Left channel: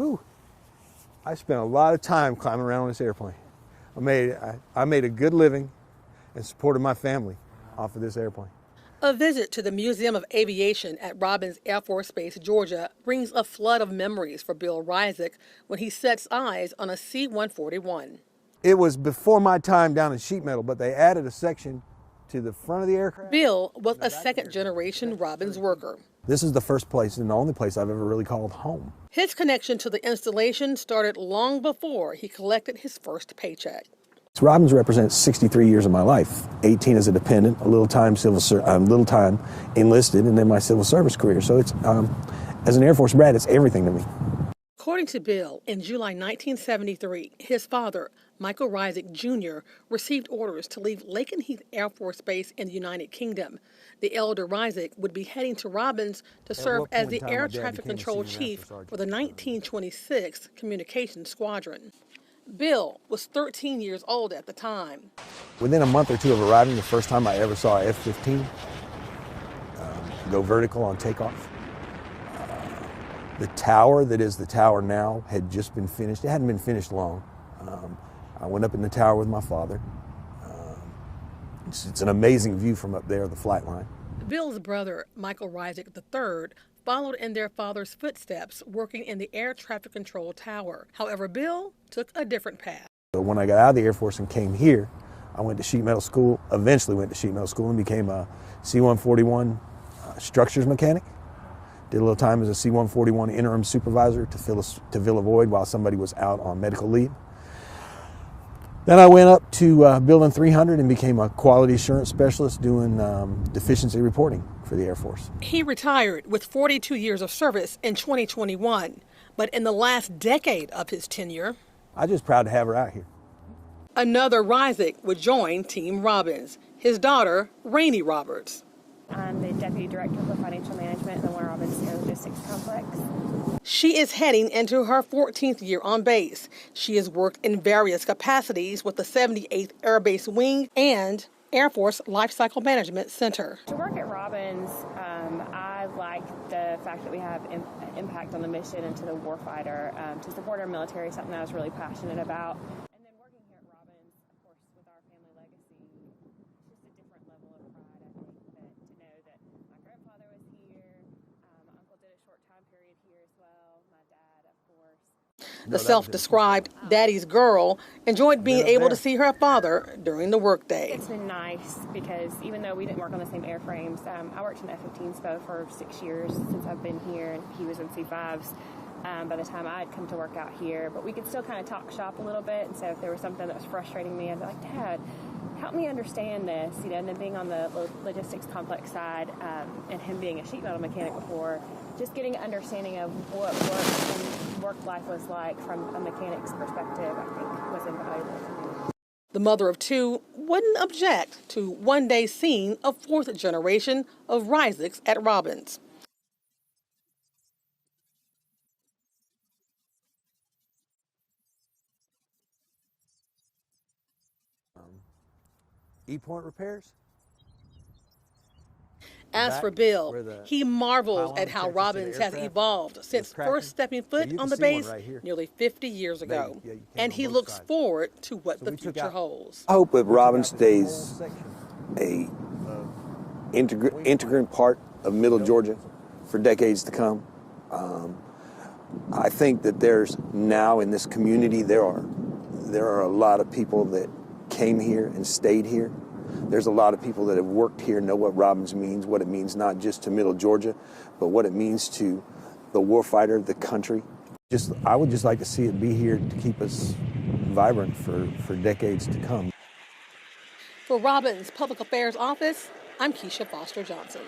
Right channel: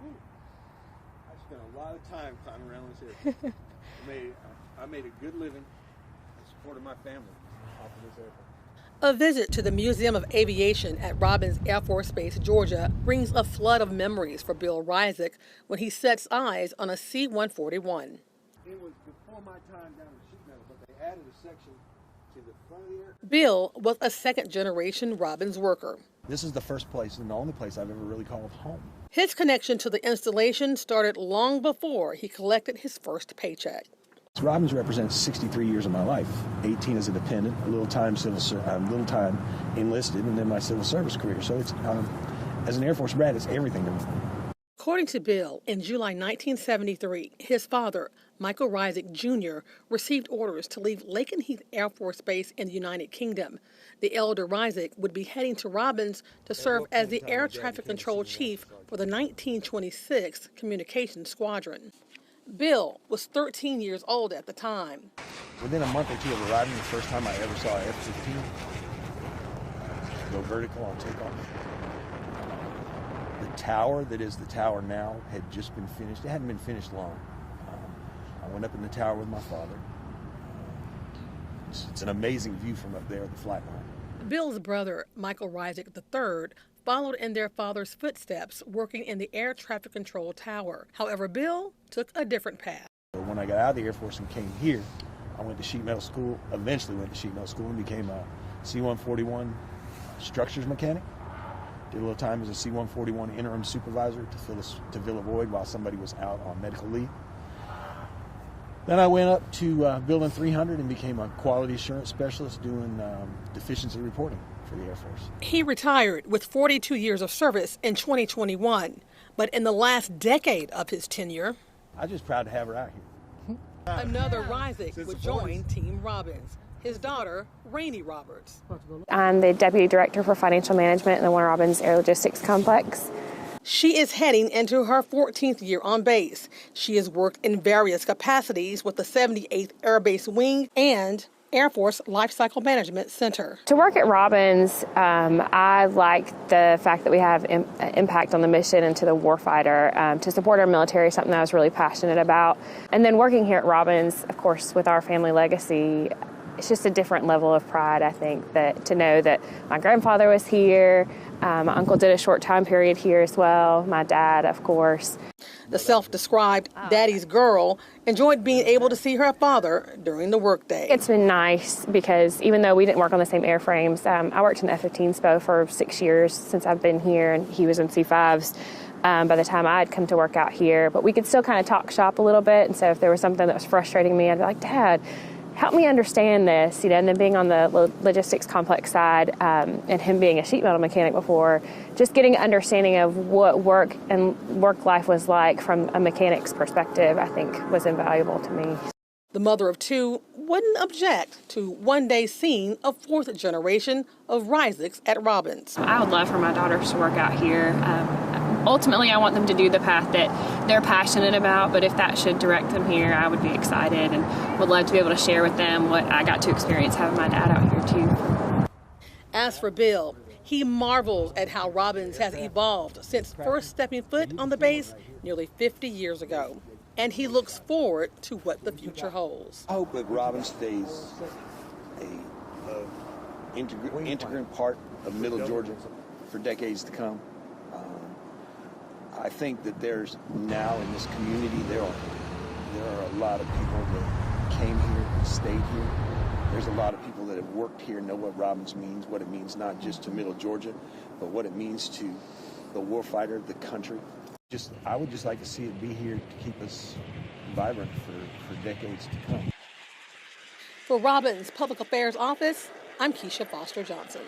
Whew. I spent a lot of time climbing around on this airplane. I made a good living and supported my family off of this airplane. A visit to the Museum of Aviation at Robins Air Force Base, Georgia, brings a flood of memories for Bill Hrizuk when he sets eyes on a C-141. It was before my time down in sheet metal, but they added a section to the front of the aircraft. Bill was a second-generation Robins worker. This is the first place and the only place I've ever really called home. His connection to the installation started long before he collected his first paycheck. Robins represents 63 years of my life, 18 as a dependent, a little time enlisted, and then my civil service career. So it's, as an Air Force brat, it's everything to me. According to Bill, in July 1973, his father, Michael Hrizuk Jr., received orders to leave Lakenheath Air Force Base in the United Kingdom. The elder Hrizuk would be heading to Robins to serve as the air traffic control chief for the 1926 Communications Squadron. Bill was 13 years old at the time. Within a month or two of arriving, the first time I ever saw an F-15 go vertical on takeoff. The tower that is the tower now had just been finished. It hadn't been finished long. I went up in the tower with my father. It's an amazing view from up there, the flight line. Bill's brother, Michael Hrizuk III, followed in their father's footsteps, working in the air traffic control tower. However, Bill took a different path. When I got out of the Air Force and came here, I went to sheet metal school, eventually went to sheet metal school and became a C-141 structures mechanic. Did a little time as a C-141 interim supervisor to fill a void while somebody was out on medical leave. Then I went up to Building 300 and became a quality assurance specialist doing deficiency reporting for the Air Force. He retired with 42 years of service in 2021, but in the last decade of his tenure, I'm just proud to have her out here. Another Hrizuk would join Team Robins, his daughter, Rani Roberts. I'm the Deputy Director for Financial Management in the Warner Robins Air Logistics Complex. She is heading into her 14th year on base. She has worked in various capacities with the 78th Air Base Wing and Air Force Lifecycle Management Center. To work at Robins, I like the fact that we have impact on the mission and to the warfighter. To support our military, something that I was really passionate about. And then working here at Robins, of course, with our family legacy, it's just a different level of pride, I think, that to know that my grandfather was here, my uncle did a short time period here as well, my dad, of course. The self-described daddy's girl enjoyed being able to see her father during the workday. It's been nice because even though we didn't work on the same airframes, I worked in F-15 SPO for 6 years since I've been here, and he was in C-5s. By the time I'd come to work out here, but we could still kind of talk shop a little bit, and so if there was something that was frustrating me, I'd be like, Dad, help me understand this, and then being on the logistics complex side and him being a sheet metal mechanic before, just getting an understanding of what work and work life was like from a mechanic's perspective, I think was invaluable to me. The mother of two wouldn't object to one day seeing a fourth generation of Hrizuks at Robins. I would love for my daughters to work out here. Ultimately, I want them to do the path that they're passionate about, but if that should direct them here, I would be excited and would love to be able to share with them what I got to experience having my dad out here too. As for Bill, he marvels at how Robins has evolved since first stepping foot on the base nearly 50 years ago, and he looks forward to what the future holds. I hope that Robins stays a integrant part of Middle Georgia for decades to come. I think that there's now in this community, there are a lot of people that came here and stayed here. There's a lot of people that have worked here, know what Robins means, what it means not just to Middle Georgia, but what it means to the warfighter, the country. I would just like to see it be here to keep us vibrant for decades to come. For Robins Public Affairs Office, I'm Kisha Foster Johnson.